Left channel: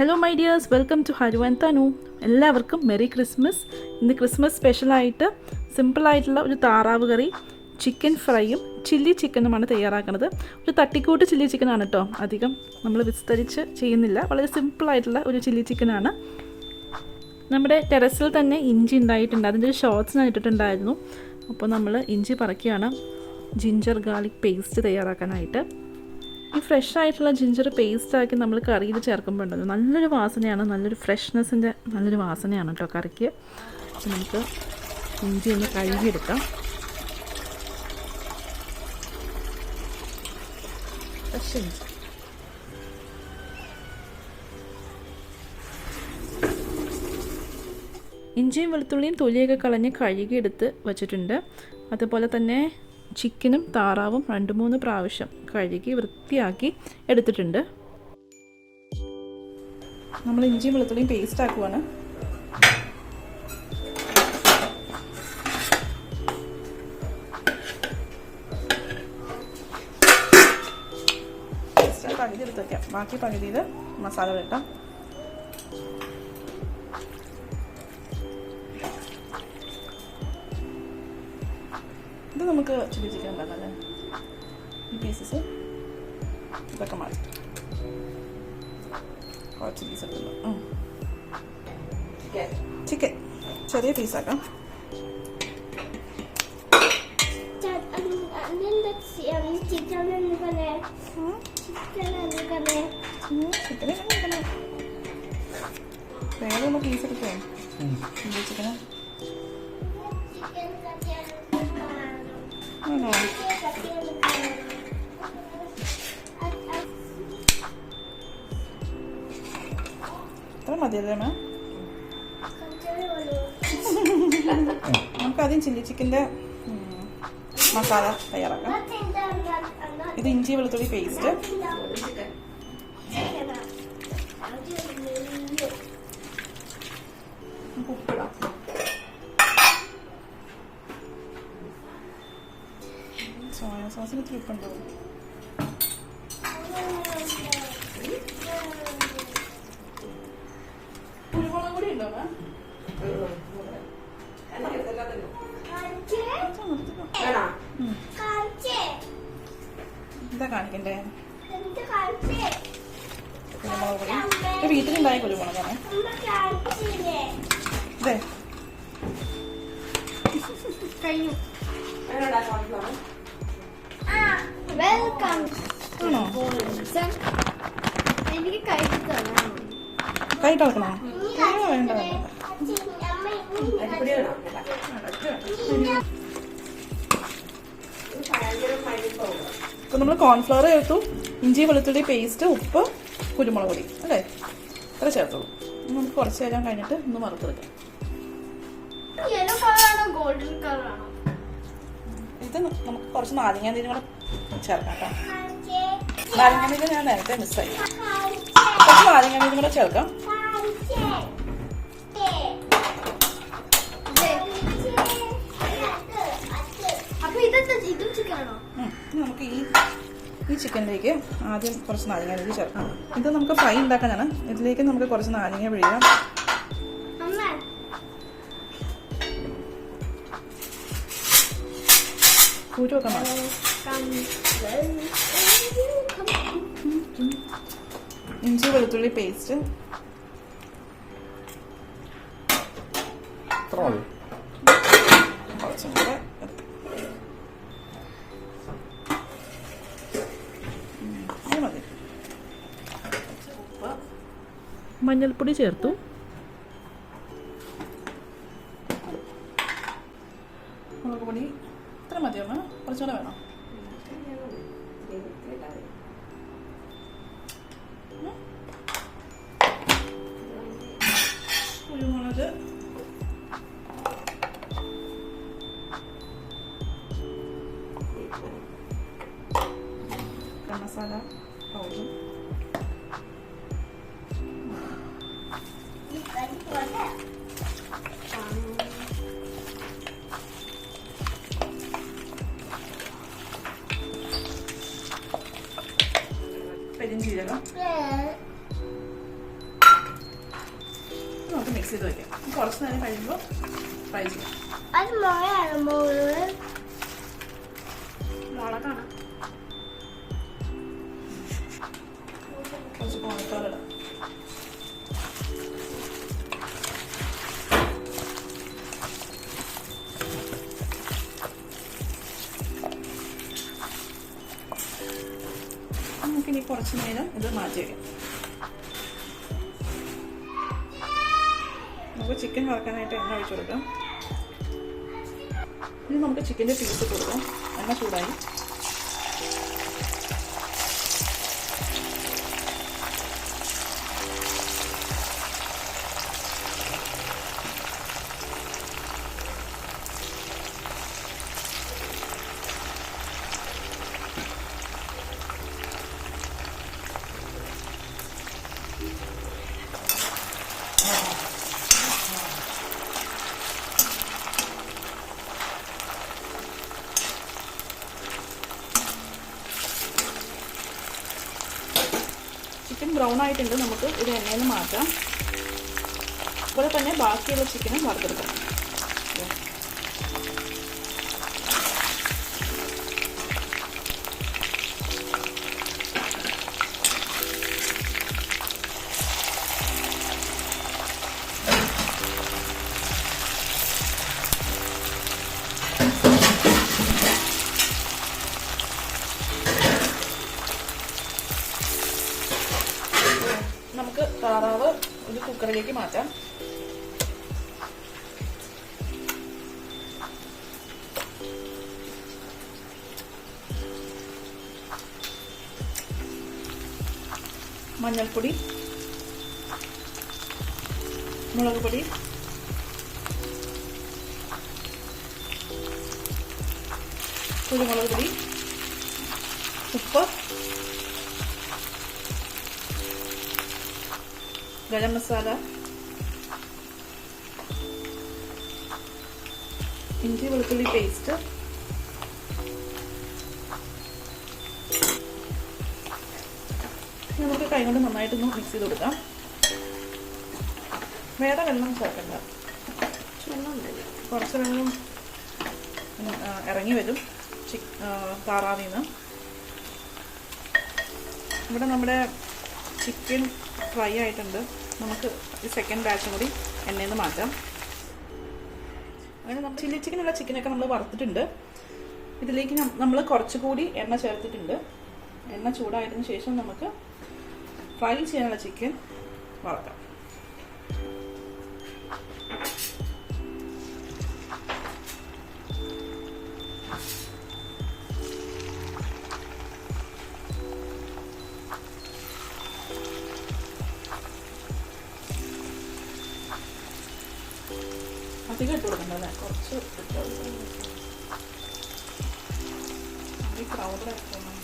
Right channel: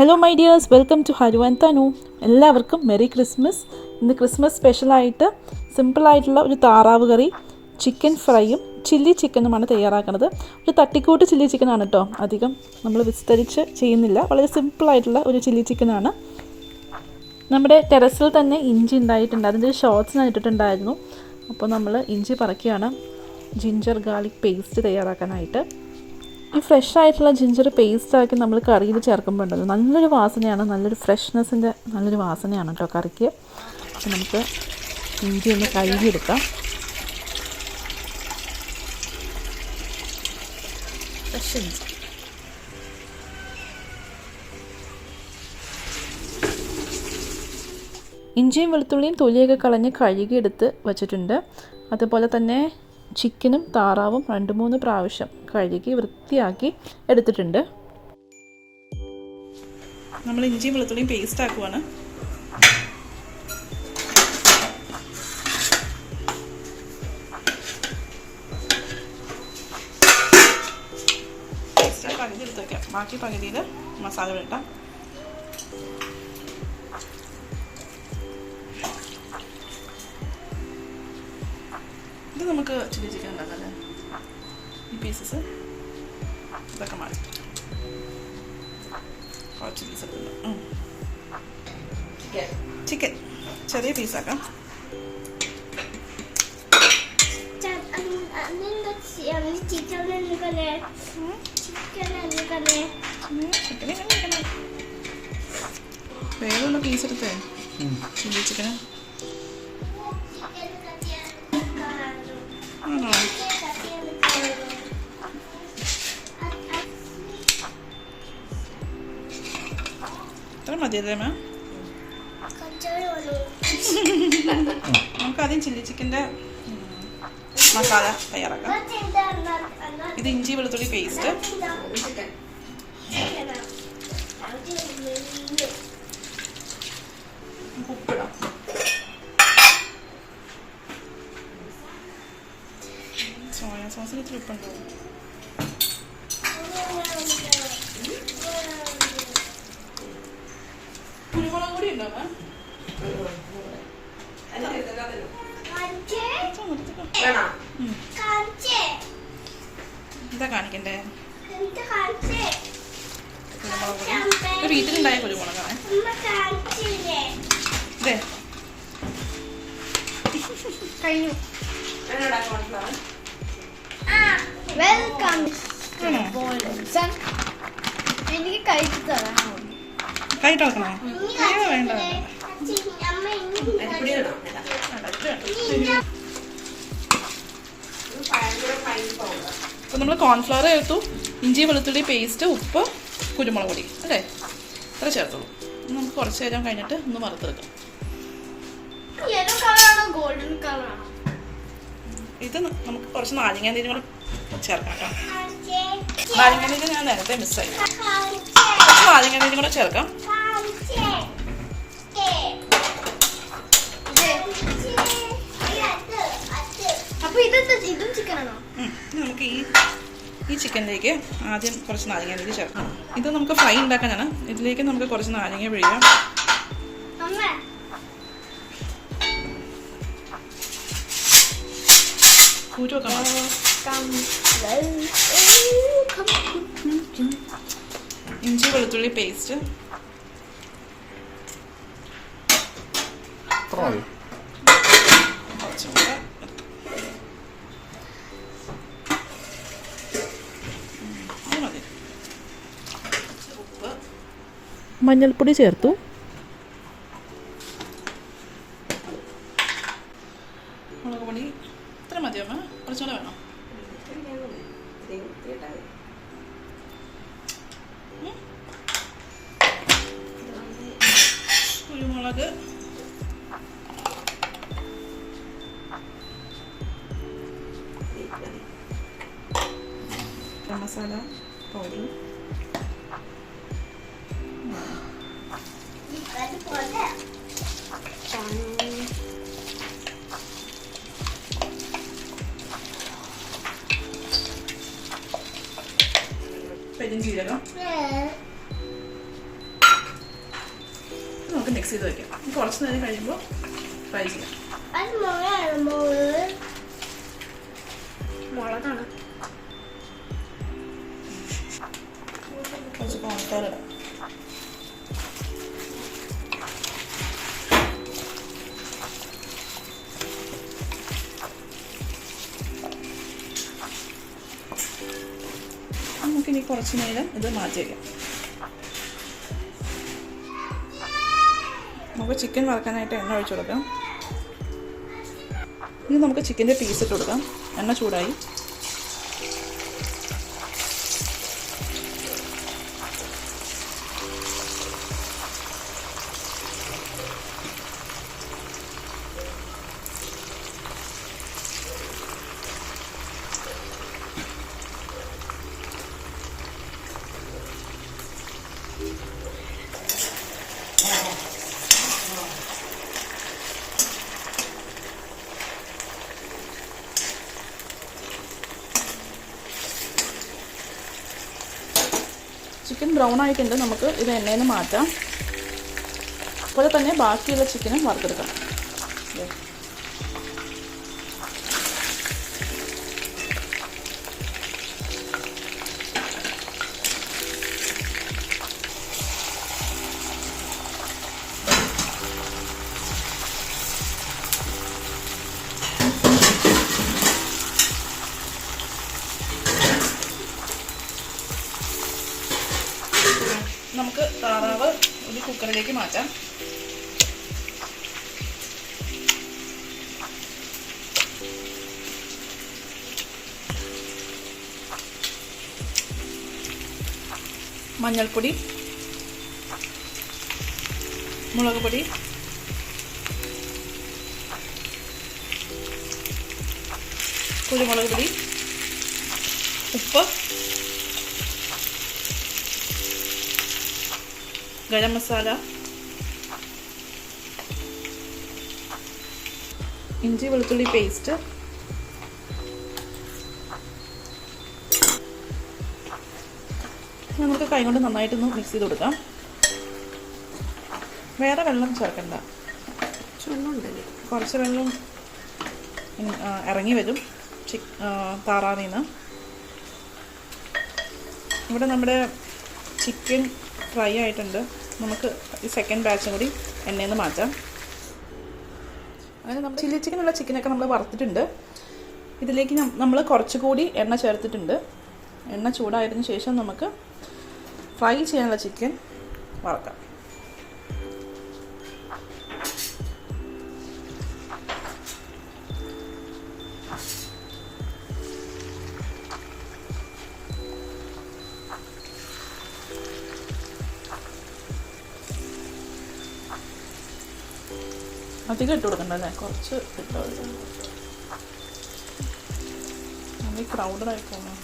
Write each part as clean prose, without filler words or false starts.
Hello my dears, welcome to Haru and Thanu. എല്ലാവർക്കും merry Christmas. ഇന്ന് Christmas സ്പെഷ്യലായിട്ട് സിമ്പിളായിട്ടുള്ള ഒരു താറാവ് കറി, ചിക്കൻ ഫ്രൈയും ചില്ലി ചിക്കനുമാണ് തയ്യാറാക്കുന്നത്. ഒരു തട്ടിക്കൂട്ട് ചില്ലി ചിക്കനാണ് കേട്ടോ, അധികം നമ്മൾ വിസ്തരിച്ച് ചെയ്യുന്നില്ല. വളരെ സിമ്പിളായിട്ടുള്ള ഒരു ചില്ലി ചിക്കനാണ്. നമ്മുടെ ടെറസിൽ തന്നെ ഇഞ്ചി ഉണ്ടായിട്ടുണ്ട്, അതിൻ്റെ ഒരു ഷോർട്സ് ഞാൻ ഇട്ടിട്ടുണ്ടായിരുന്നു. അപ്പോൾ നമ്മൾ ഇഞ്ചി പറിക്കുകയാണ് ജിഞ്ചർ ഗാർലിക് പേസ്റ്റ് തയ്യാറാക്കാനായിട്ട്. ഈ ഫ്രഷ് ആയിട്ടുള്ള ജിഞ്ചർ പേസ്റ്റാക്കി നമ്മൾ കറിയിൽ ചേർക്കുമ്പോൾ ഉണ്ടല്ലോ നല്ലൊരു വാസനയാണ്, നല്ലൊരു ഫ്രഷ്നെസ്സിൻ്റെ നല്ലൊരു വാസനയാണ് കേട്ടോ കറിക്ക്. അപ്പോൾ നമുക്ക് ഇഞ്ചി ഒന്ന് കഴുകിയെടുക്കാം. ഫ്രഷ് ഇഞ്ചി ഇഞ്ചിയും വെളുത്തുള്ളിയും തൊലിയൊക്കെ കളഞ്ഞ് കഴുകിയെടുത്ത് വച്ചിട്ടുണ്ട്. അതുപോലെ തന്നെ ചിക്കനും താറാവും 2-3 പ്രാവശ്യം കഴുകി വൃത്തിയാക്കി എടുത്തിട്ടുണ്ട്. നമ്മൾ ഇഞ്ചിയും വെളുത്തുള്ളിയും പേസ്റ്റ് ആക്കുവാണ്. പകുതി എടുത്ത് വയ്ക്കാം, ബാക്കി പകുതിയിൽ മസാല ഇട്ടാം. ഇത് നമുക്ക് ചില്ലി ചിക്കൻ ഉണ്ടാക്കാം. ഈ പീസസ് ഇതൊക്കെ മാറി ചില്ലീസ് ഒക്കെ ഉണ്ട്. ചിക്കൻ ചെറിയ പീസാക്കാം. വേറെയുള്ള പീസ് എടുത്തേ ചില്ലി ചിക്കന്. ആണോ? ഇത്ര മതിയല്ലേ മാം? നമുക്കാദ്യം ചില്ലി ചിക്കൻ്റെ മസാല തയ്യാറാക്കാം. ഇത് ഇഞ്ചി വെളുത്തുള്ളി പേസ്റ്റ്, ഉപ്പിടാം. സോയ സോസിന് ഇത്തിരി ഉപ്പുണ്ടോ? കുരുമുളക് കൂടി ഉണ്ടോ? എന്താ കാണിക്കണ്ടേ? കുരുമുളക് പൊടി വീട്ടിലുണ്ടായ കുരുമുളകാണ്. അതെ ആണോ? കൈയിട്ട് വെക്കണോ? കൈയോ വേണ്ട. അപ്പോൾ നമ്മൾ കോൺഫ്ലവർ ചേർത്തു, ഇഞ്ചി വെളുത്തുള്ളി പേസ്റ്റ്, ഉപ്പ്, കുരുമുളക് പൊടി അല്ലേ, അത്ര ചേർത്തോളൂ. നമുക്ക് കുറച്ച് നേരം കഴിഞ്ഞിട്ട് ഒന്ന് വറുത്തെടുക്കാം. ഇത് നമുക്ക് കുറച്ച് നാരങ്ങ നീരും കൂടെ ചേർക്കാം കേട്ടോ. നാരങ്ങ നീര് ഞാൻ നേരത്തെ മിസ്സായി, കുറച്ച് നാരങ്ങ നീരും കൂടെ ചേർക്കാം. നമുക്ക് ഈ ചിക്കനിലേക്ക് ആദ്യം കുറച്ച് നാരങ്ങ നീര് ചേർക്കാം. ഇത് നമുക്ക് ഫ്രൈ ഉണ്ടാക്കാനാണ്. ഇതിലേക്ക് നമുക്ക് കുറച്ച് നാരങ്ങ പിഴിയാം. കുരുവൊക്കെ മാറി. ഇഞ്ചി വെളുത്തുള്ളി പേസ്റ്റ് കുറച്ചും കൂടെ മതി. ഉപ്പ്, മഞ്ഞൾപ്പൊടി ചേർത്തു. മുളക് പൊടി ഇത്ര മതിയമ്മ? കുറച്ചുകൂടെ വേണോ? കുരുമുളക്, മസാല പൗഡർ, പെരുംജീരകം, മിക്സ് ചെയ്ത് വയ്ക്കാം. കുറച്ച് നേരം കഴിയുമ്പോൾ ഫ്രൈ ചെയ്യാം. കുറച്ച് കോൺഫ്ലവർ ഇടാം. നമുക്കിനി കുറച്ച് നേരം ഇത് മാറ്റി വയ്ക്കാം. നമുക്ക് ചിക്കൻ വറക്കാനായിട്ട് എണ്ണ ഒഴിച്ചു കൊടുക്കാം. ഇനി നമുക്ക് ചിക്കൻ്റെ പീസ് ഇട്ട് കൊടുക്കാം. എണ്ണ ചൂടായി. ചിക്കൻ ബ്രൗൺ ആയിട്ടുണ്ട്. നമുക്ക് ഇത് എണ്ണയിൽ നിന്ന് മാറ്റാം. അതുപോലെ തന്നെ ബാക്കിയുള്ള ചിക്കനും വറുത്തെടുക്കാം. നമുക്ക് താറാവ് ഒരു കുക്കറിലേക്ക് മാറ്റാം. മഞ്ഞൾപ്പൊടി, മുളക് പൊടി, കുരുമുളക് പൊടി, ഉപ്പ്, ഗരം മസാല, ഇഞ്ചി വെളുത്തുള്ളി പേസ്റ്റ്, നമുക്ക് കൈകൊണ്ട് നന്നായിട്ടൊന്ന് മിക്സ് ചെയ്ത് കൊടുക്കാം. വേറെ വെള്ളം ചേർക്കണ്ട. കുറച്ച് വെള്ളം ഇറങ്ങി വരും താറാവിൽ നിന്ന്. ഇവിടെ നമ്മുടെ ചിക്കൻ ഫ്രൈ ആയിട്ടുണ്ട്. നമുക്ക് ഈ സെക്കൻഡ് ബാച്ചും കൂടി എണ്ണയിൽ നിന്ന് മാറ്റാം. അങ്ങനെ നമ്മൾ ചില്ലി ചിക്കനുള്ള ചിക്കനൊക്കെ നമ്മൾ വറുത്തിട്ടുണ്ട്. ഇതിലേക്ക് നമ്മൾ കുറച്ചുകൂടി എണ്ണ ചേർത്തിട്ടുണ്ട്. എണ്ണ ചൂടായതിനു ശേഷം നമുക്ക് ഫ്രൈ ചെയ്യാനുള്ള ചിക്കൻ വറക്കാം. അധികം ഇട്ട് കൊടുക്കണ്ടല്ലേ, കുറച്ച് ഇട്ട് കൊടുക്കണം. നമ്മൾ ക്രൗഡായി പോകണം.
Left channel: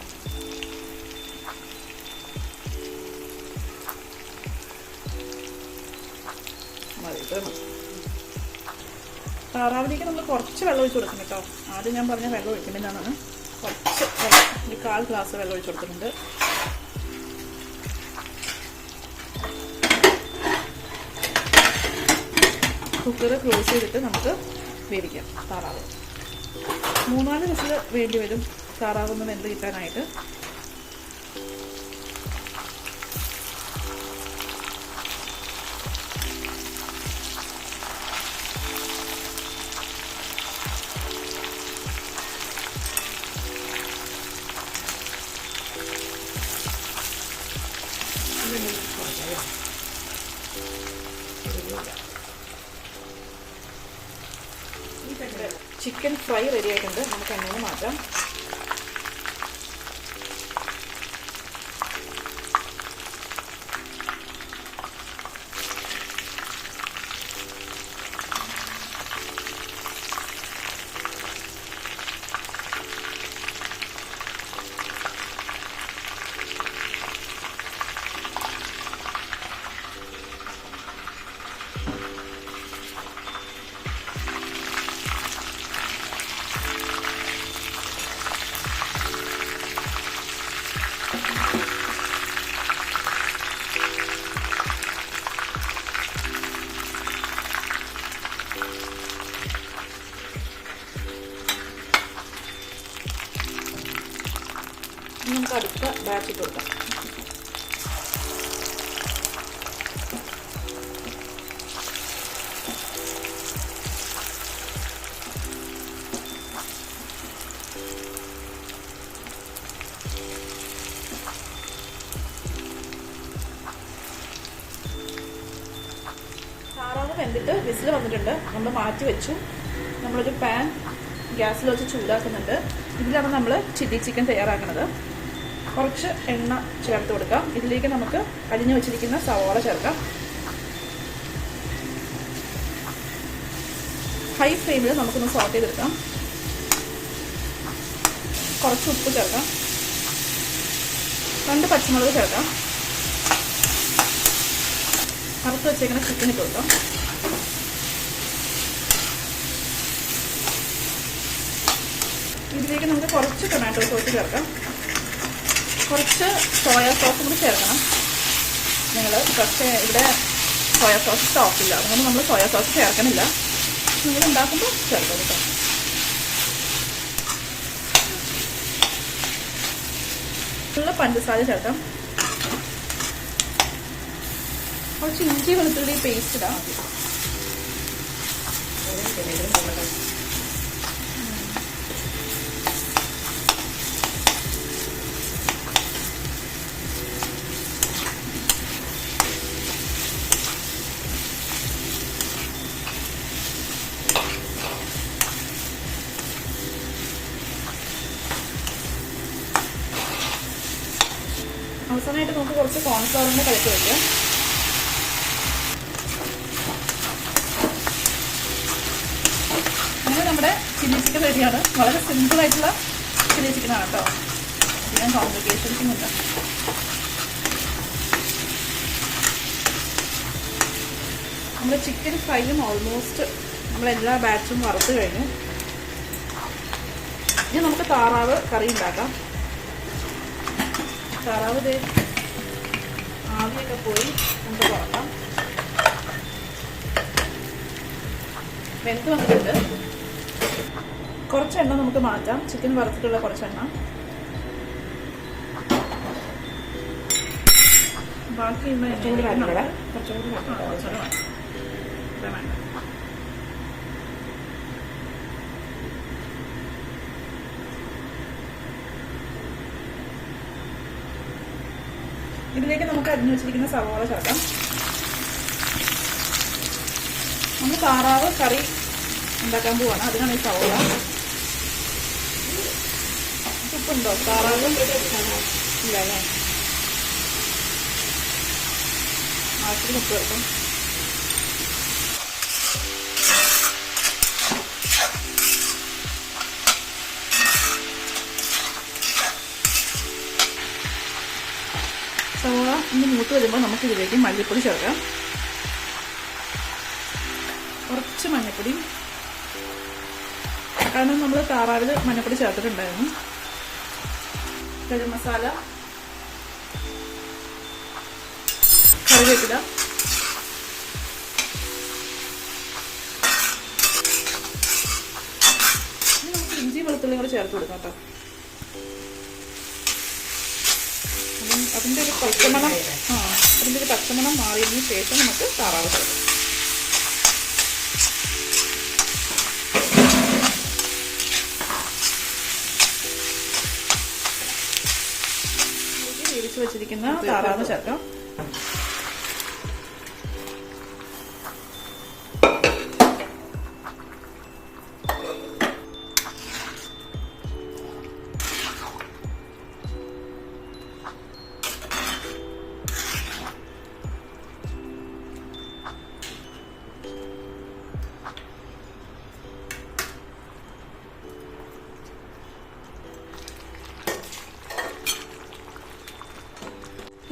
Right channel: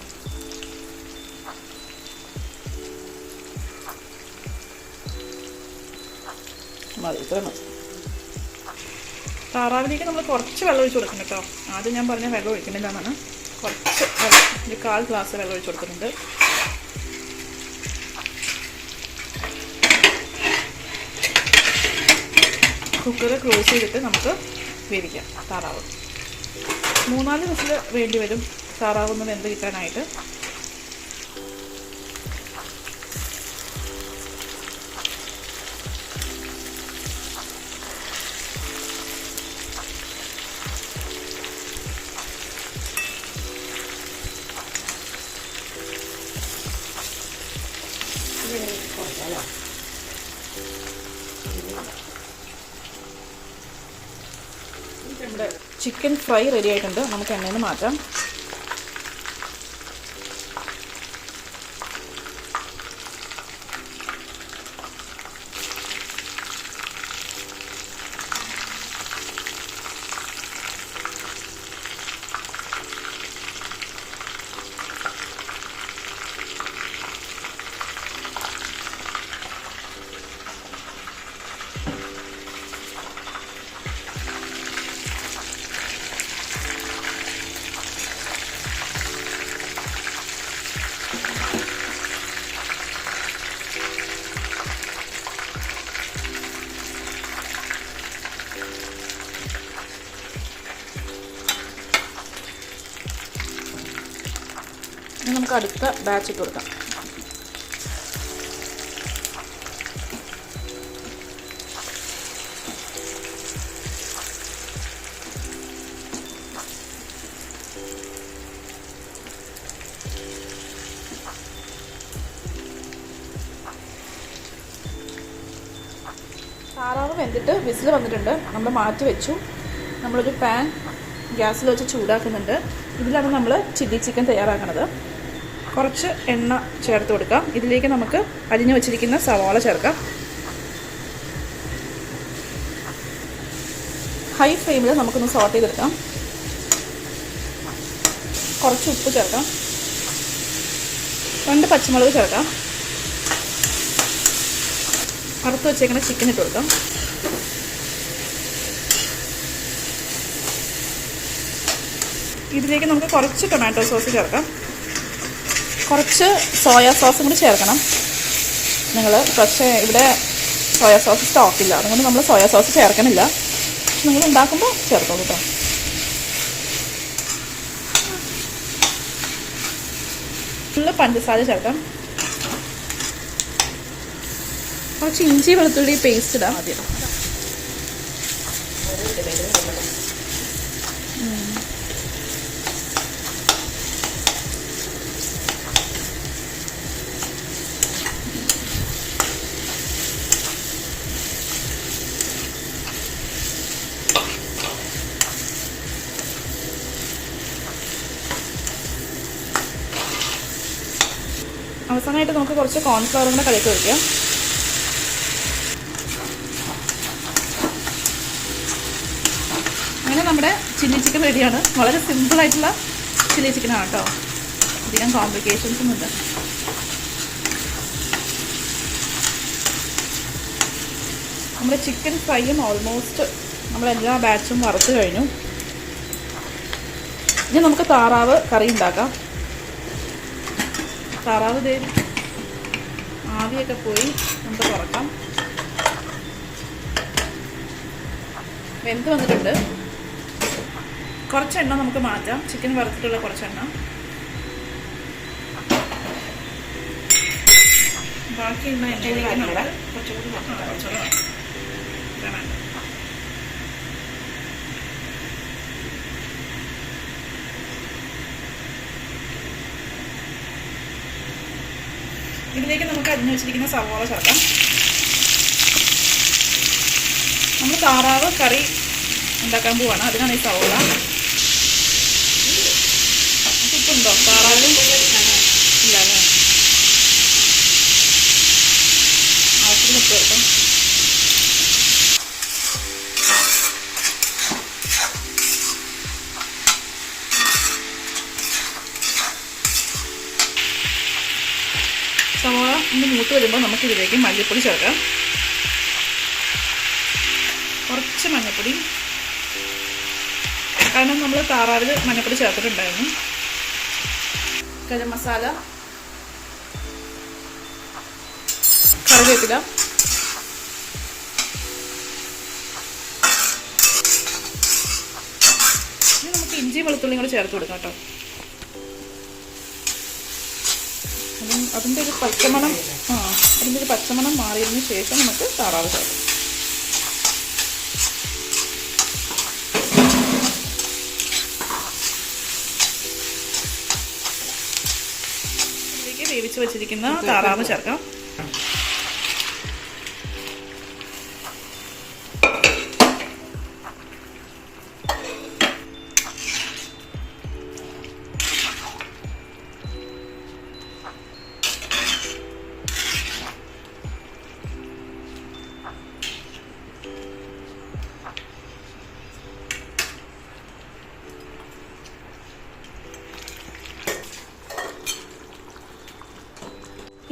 മതി, ഇത്ര മതി. താറാവിലേക്ക് നമ്മൾ കുറച്ച് വെള്ളം ഒഴിച്ച് കൊടുക്കണം കേട്ടോ. ആദ്യം ഞാൻ പറഞ്ഞ വെള്ളം ഒഴിക്കണില്ലെന്നാണ്. കുറച്ച് വെള്ളം, ഒരു 1/4 ഗ്ലാസ് വെള്ളം ഒഴിച്ച് കൊടുക്കുന്നുണ്ട്. കുക്കർ ക്ലോസ് ചെയ്തിട്ട് നമുക്ക് വേവിക്കാം താറാവ്. 3-4 വിസിൽ വേണ്ടി വരും താറാവ് ഒന്ന് വെന്ത് കിട്ടാനായിട്ട്. ചിക്കൻ ഫ്രൈ റെഡി ആയിട്ടുണ്ട്. നമുക്ക് എണ്ണയിൽ നിന്ന് മാറ്റാം. ഇനി നമുക്ക് അടുത്ത ബാച്ച് ഇട്ട് കൊടുക്കാം. താറാവ് വെന്തിട്ട് വിസിൽ വന്നിട്ടുണ്ട്. നമ്മൾ മാറ്റി വെച്ചു. നമ്മളൊരു പാൻ ഗ്യാസിൽ വെച്ച് ചൂടാക്കുന്നുണ്ട്. ഇതിലാണ് നമ്മൾ ചില്ലി ചിക്കൻ തയ്യാറാക്കുന്നത്. കുറച്ച് എണ്ണ ചേർത്ത് കൊടുക്കാം. ഇതിലേക്ക് നമുക്ക് അരിഞ്ഞു വെച്ചിരിക്കുന്ന സവാള ചേർക്കാം. ഹൈ ഫ്ലെയിമിൽ നമുക്കൊന്ന് സോട്ട് ചെയ്തെടുക്കാം. കുറച്ച് ഉപ്പ് ചേർക്കാം. 2 പച്ചമുളക് ചേർക്കാം. വറുത്ത് വെച്ചേക്കുന്ന ചിക്കൻ ഇട്ട് കൊടുക്കാം. ഇതിലേക്ക് നമുക്ക് കുറച്ച് ടൊമാറ്റോ സോസ് ചേർക്കാം. കുറച്ച് സോയാ സോസും കൂടി ചേർക്കണം നിങ്ങൾ. പക്ഷേ ഇവിടെ സോയാ സോസ് സ്റ്റോക്കില്ല, അതുകൊണ്ട് നമ്മൾ സോയാ സോസ് ചേർക്കണില്ല. നിങ്ങൾ ഉണ്ടാക്കുമ്പോൾ ചേർക്കാം കേട്ടോ. ഫുള്ള് പഞ്ചസാര ചേർക്കാം. കുറച്ച് ഇഞ്ചി വെളുത്തുള്ളി പേസ്റ്റ് ഇടാം ആദ്യം. അവസാനമായിട്ട് നമുക്ക് കുറച്ച് കോൺഫ്ലവർ കൂടെ കലക്കി വയ്ക്കാം. അങ്ങനെ നമ്മുടെ ചില്ലി ചിക്കൻ റെഡിയാണ്. വളരെ സിമ്പിളായിട്ടുള്ള ചില്ലി ചിക്കനാണ് കേട്ടോ. അധികം കോംപ്ലിക്കേഷൻസ് ഒന്നുമില്ല. നമ്മുടെ ചിക്കൻ ഫ്രൈയും ഓൾമോസ്റ്റ് നമ്മളെല്ലാ ബാച്ചും വറുത്ത് കഴിഞ്ഞു. ഇനി നമുക്ക് താറാവ് കറി ഉണ്ടാക്കാം. താറാവ് ആവിയൊക്കെ പോയി നമുക്ക് തുറക്കാം. വെന്ത് വന്നിട്ടുണ്ട്. കുറച്ച് എണ്ണ നമുക്ക് മാറ്റാം. ചിക്കൻ വറുത്തിട്ടുള്ള കുറച്ചെണ്ണ. ബാക്കിയുള്ള എണ്ണയിലേക്ക് നമ്മൾ കുറച്ചുകൂടെ വേണ്ട. ഇതിലേക്ക് നമുക്ക് അരിഞ്ഞു വെച്ചിരിക്കുന്ന സവാള ചേർക്കാം. നമ്മൾ താറാവ് കറി ഉണ്ടാക്കാൻ പോവാണ്, അതിനാണ് ഈ സവാള. ഉപ്പുണ്ടോ താറാവും? ഇല്ല അല്ലേ? ആവശ്യത്തിന് ഉപ്പ് ചേർക്കാം. സവാള ഒന്ന് മൂത്ത് വരുമ്പോൾ നമുക്ക് ഇതിലേക്ക് മല്ലിപ്പൊടി ചേർക്കാം. കുറച്ച് മഞ്ഞൾപ്പൊടി, കാരണം നമ്മൾ താറാവിൽ മഞ്ഞൾപ്പൊടി ചേർത്തിട്ടുണ്ടായിരുന്നു. ഗരം മസാല, കറിവേപ്പില, ഇനി നമുക്ക് ഇഞ്ചി വെളുത്തുള്ളിയും കൂടെ ചേർത്ത് കൊടുക്കാം കേട്ടോ. അതിൻ്റെ ഒരു പച്ചമണം അതിൻ്റെ ഒരു പച്ചമണം മാറിയതിന് ശേഷം നമുക്ക് താറാവ് ചേർക്കാം. ഇതിലേക്ക് വേവിച്ച് വെച്ചിരിക്കുന്ന താറാവ് ചേർക്കാം.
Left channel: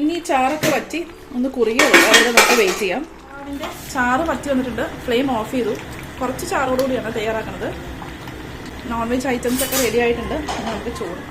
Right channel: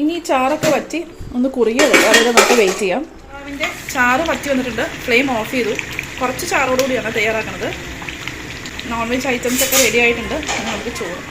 ഇനി ചാറൊക്കെ വറ്റി ഒന്ന് കുറുകിയ അതുവരെ നമുക്ക് വെയിറ്റ് ചെയ്യാം. അതിൻ്റെ ചാറ് വറ്റി വന്നിട്ടുണ്ട്. ഫ്ലെയിം ഓഫ് ചെയ്തു. കുറച്ച് ചാറോടുകൂടിയാണ് തയ്യാറാക്കുന്നത്. നോൺ വെജ് ഐറ്റംസ് ഒക്കെ റെഡി ആയിട്ടുണ്ട്. ഇനി നമുക്ക് ചോറ്